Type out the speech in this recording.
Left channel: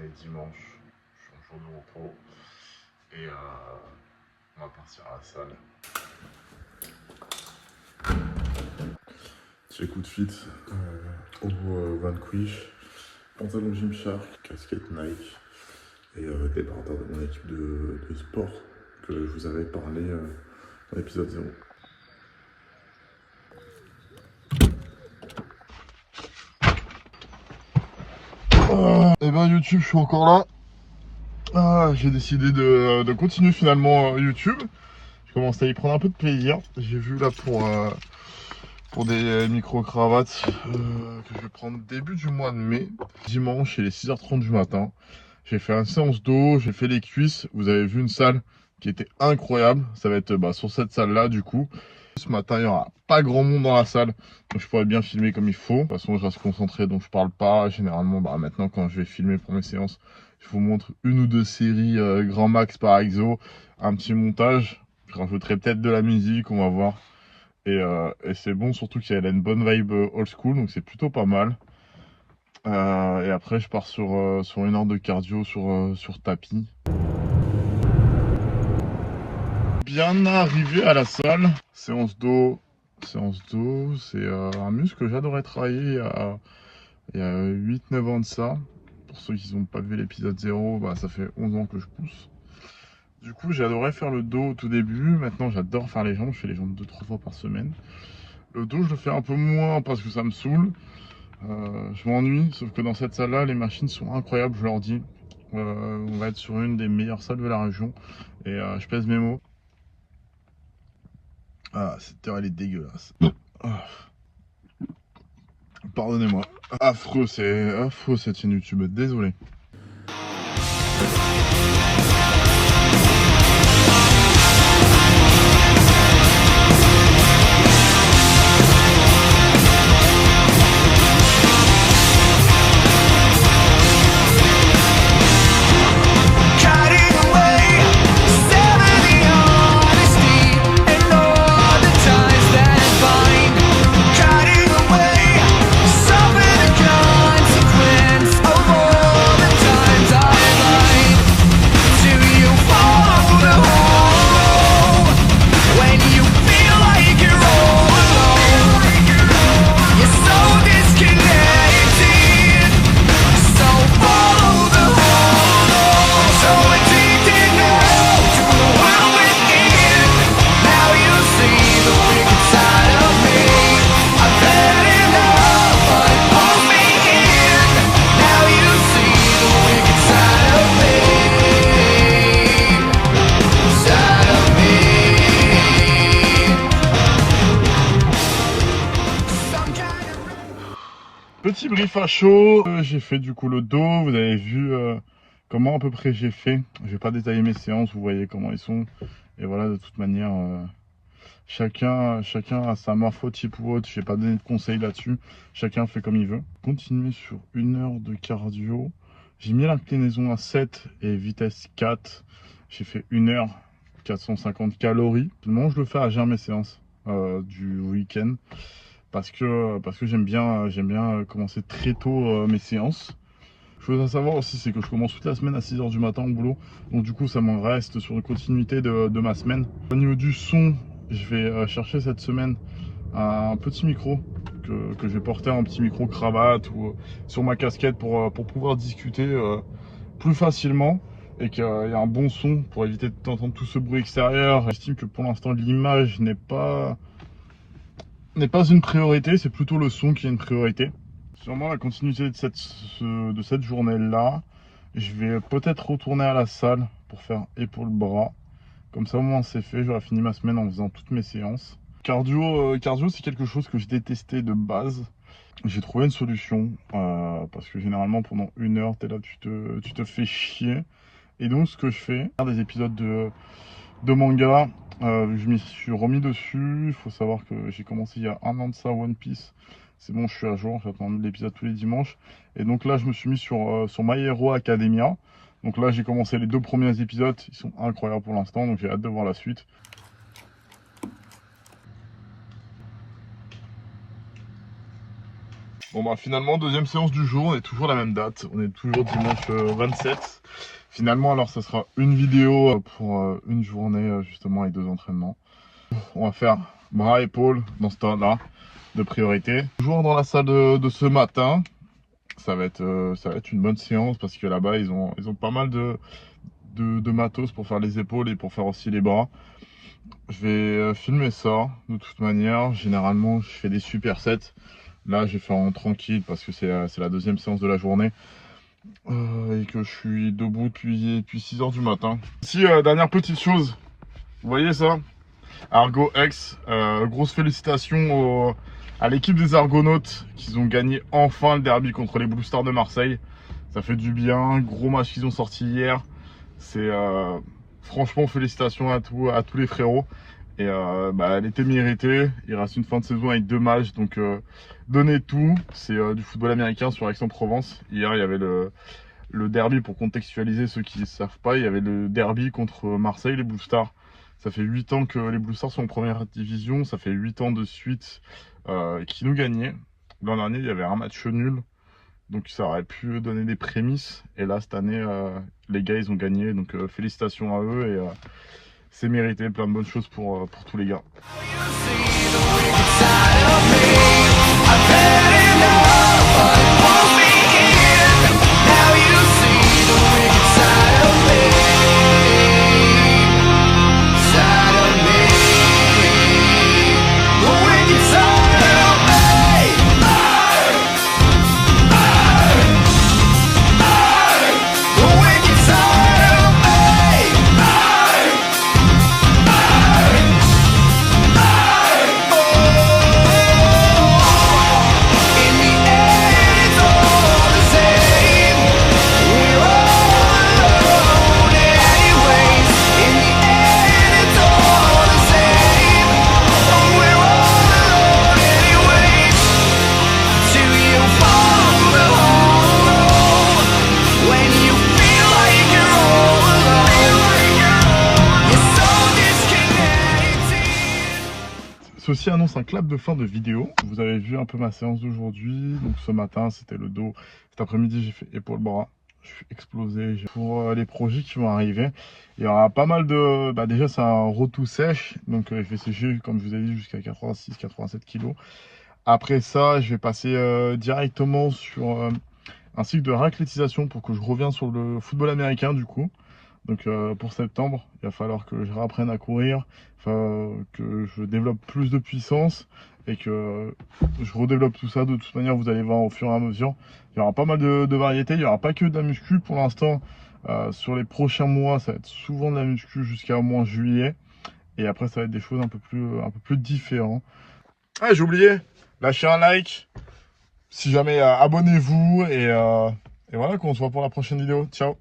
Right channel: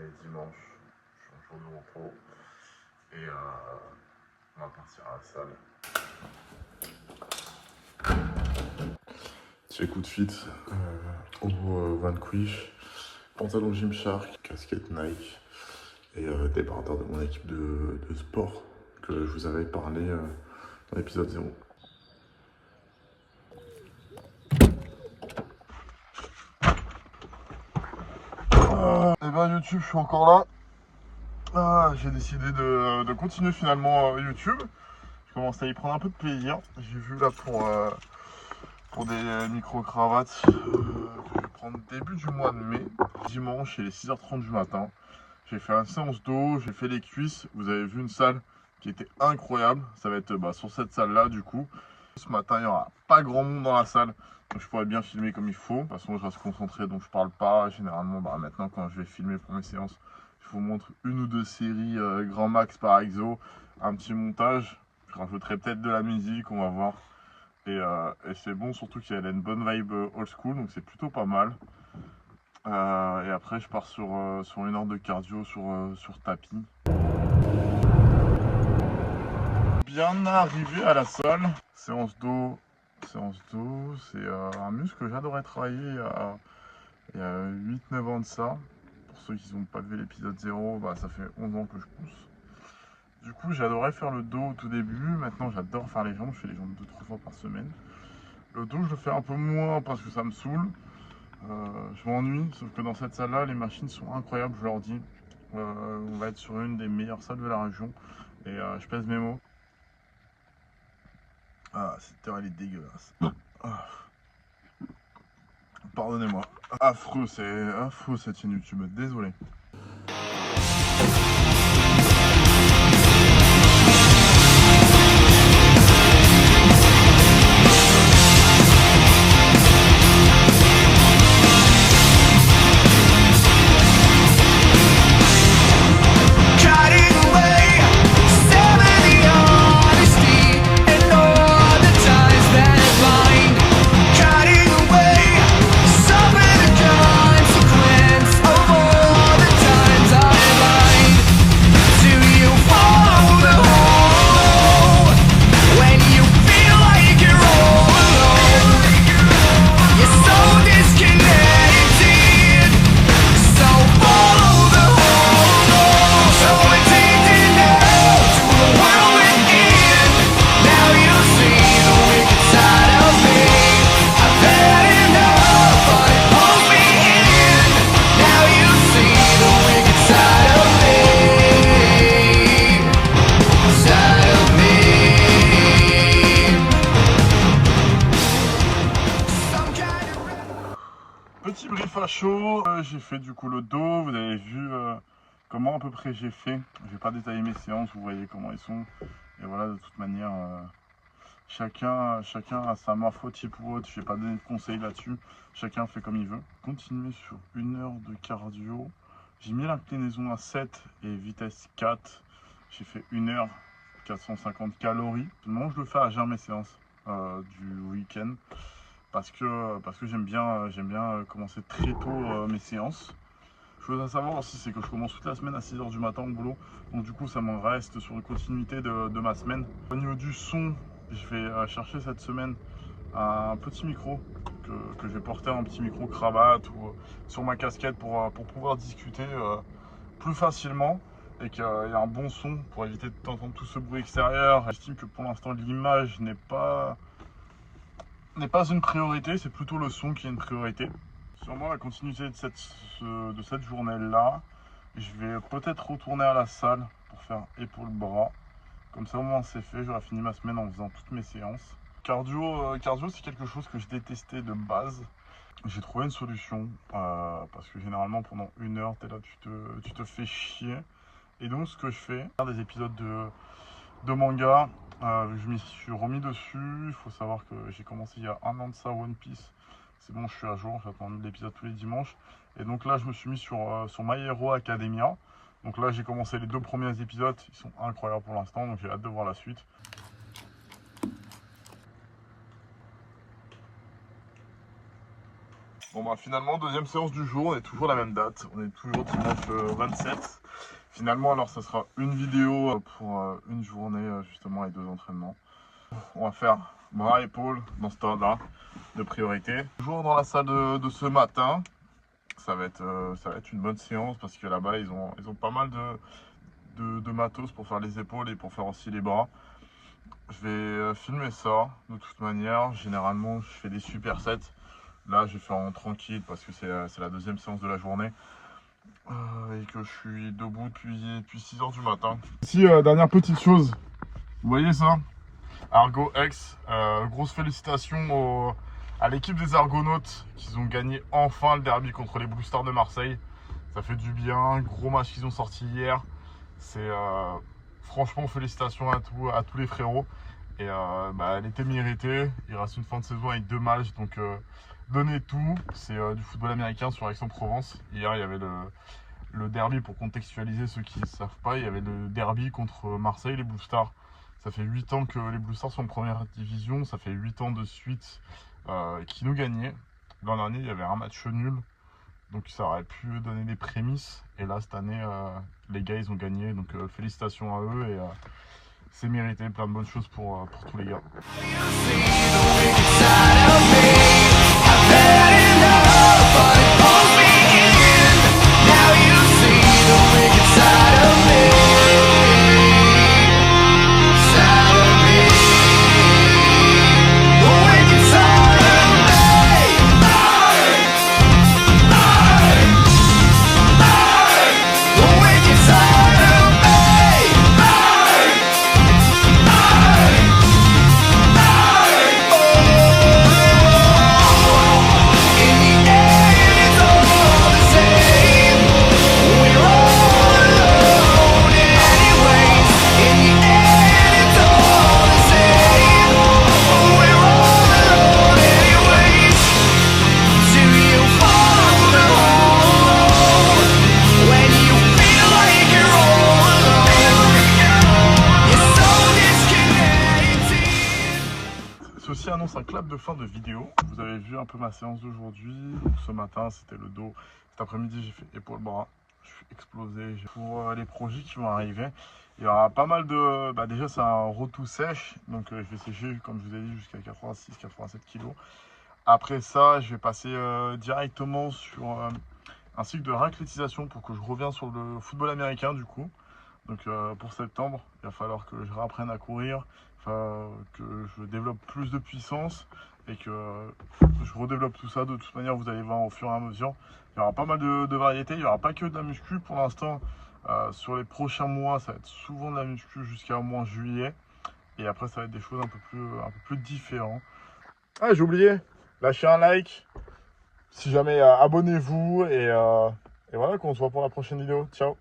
est dimanche, je suis en jour de repos et on va partir à la salle. Petit coup de fit au Vanquish, pantalon Gymshark, casquette Nike et débardeur de mon équipe de sport que je vous avais parlé dans l'épisode 0. Et ben YouTube, je suis encore là. J'ai décidé de continuer finalement YouTube. Je commence à y prendre un peu de plaisir. J'ai vu là pour des micro-cravates que je vais prendre début du mois de mai. Dimanche, il est 6h30 du matin. J'ai fait une séance d'eau, j'ai fait les cuisses. Vous avez vu une salle qui était incroyable. Ça va être sur cette salle-là du coup. Ce matin, il n'y aura pas grand monde dans la salle, donc je pourrais bien filmer comme il faut. De toute façon, je reste concentré, donc je parle pas. Généralement, maintenant, quand je vais filmer pour mes séances, je vous montre une ou deux séries grand max par exo, un petit montage. Je rajouterai peut-être de la musique, on va voir. Et c'est bon, surtout qu'il y a une bonne vibe old school, donc c'est plutôt pas mal. Et après, je pars sur une heure de cardio sur tapis. Bien arrivé à la salle, séance d'eau, c'est un muscle que j'adorais travailler il y a 8-9 ans de ça. Pour ceux qui n'ont pas vu l'épisode 0, ça fait 11 ans que je pousse. Du coup, j'adorais faire le dos au tout début. Maintenant, j'adore faire les jambes. Je fais les jambes 2-3 fois par semaine. Le dos, je le fais un peu moins parce que ça me saoule. Je m'ennuie, sauf que dans cette salle-là, les machines sont incroyables, je leur dis. On va être sur une des meilleures salles de la région. Et je pèse mes mots. Cette heure, elle est dégueulasse. Pardonnez-moi. Affreux cette chaîne YouTube, désolé. Petit brief à chaud, j'ai fait du coup le dos, vous avez vu comment à peu près j'ai fait. Je vais pas détailler mes séances, vous voyez comment ils sont. Et voilà, de toute manière, chacun a sa morphotype ou autre, je vais pas donner de conseils là-dessus. Chacun fait comme il veut. Continuer sur une heure de cardio. J'ai mis l'inclinaison à 7 et vitesse 4. J'ai fait 1 heure, 450 calories. Seulement, je le fais à jeun mes séances du week-end. Parce que j'aime bien commencer très tôt mes séances. Chose à savoir aussi, c'est que je commence toute la semaine à 6h du matin au boulot. Donc du coup, ça me reste sur une continuité de ma semaine. Au niveau du son, je vais chercher cette semaine un petit micro que je vais porter en petit micro cravate ou sur ma casquette pour pouvoir discuter plus facilement. Et qu'il y a un bon son pour éviter d'entendre tout ce bruit extérieur. J'estime que pour l'instant, l'image n'est pas une priorité, c'est plutôt le son qui est une priorité. Sûrement la continuité de cette journée-là, je vais peut-être retourner à la salle pour faire épaule-bras. Comme ça au moins c'est fait, j'aurai fini ma semaine en faisant toutes mes séances. Cardio c'est quelque chose que je détestais de base. J'ai trouvé une solution, parce que généralement pendant 1 heure, t'es là, tu te fais chier. Et donc ce que je fais, des épisodes de manga, je m'y suis remis dessus. Il faut savoir que j'ai commencé il y a 1 an de ça One Piece. C'est bon, je suis à jour, j'attends l'épisode tous les dimanches. Et donc là, je me suis mis sur My Hero Academia. Donc là, j'ai commencé les 2 premiers épisodes. Ils sont incroyables pour l'instant, donc j'ai hâte de voir la suite. Bon bah finalement, deuxième séance du jour, on est toujours à la même date, on est toujours dimanche 27. Finalement, alors ça sera une vidéo pour une journée justement avec 2 entraînements. On va faire bras, épaules dans ce temps-là de priorité. Toujours dans la salle de ce matin, ça va être une bonne séance parce que là-bas ils ont pas mal de matos pour faire les épaules et pour faire aussi les bras. Je vais filmer ça de toute manière. Généralement, je fais des supersets. Là, je vais faire en tranquille parce que c'est la deuxième séance de la journée et que je suis debout depuis 6 h du matin. Ici, dernière petite chose, vous voyez ça? Argo X, grosse félicitations à l'équipe des Argonautes qui ont gagné enfin le derby contre les Blue Stars de Marseille. Ça fait du bien, gros match qu'ils ont sorti hier. C'est franchement félicitations à tous les frérots. Et elle était méritée. Il reste une fin de saison avec 2 matchs, donc donnez tout. C'est du football américain sur Aix-en-Provence. Hier, il y avait le derby, pour contextualiser ceux qui ne savent pas, il y avait le derby contre Marseille, les Blue Stars. Ça fait 8 ans que les Blue Stars sont en première division, ça fait 8 ans de suite qu'ils nous gagnaient. L'an dernier, il y avait un match nul, donc ça aurait pu donner des prémices. Et là, cette année, les gars, ils ont gagné, donc félicitations à eux et c'est mérité, plein de bonnes choses pour tous les gars. Ceci annonce un clap de fin de vidéo. Vous avez vu un peu ma séance d'aujourd'hui. Donc ce matin c'était le dos. Cet après-midi j'ai fait épaule bras. Je suis explosé. Pour les projets qui vont arriver, il y aura pas mal de... déjà c'est un retour sèche. Donc je vais sécher comme je vous ai dit jusqu'à 86-87 kg. Après ça je vais passer directement sur un cycle de raclétisation pour que je revienne sur le football américain du coup. Donc pour septembre, il va falloir que je réapprenne à courir, que je développe plus de puissance et que je redéveloppe tout ça. De toute manière, vous allez voir au fur et à mesure. Il y aura pas mal de variétés, il n'y aura pas que de la muscu pour l'instant. Sur les prochains mois, ça va être souvent de la muscu jusqu'à au moins juillet. Et après, ça va être des choses un peu plus différentes. Ah, j'ai oublié, lâchez un like. Si jamais, abonnez-vous et voilà, on se voit pour la prochaine vidéo. Ciao!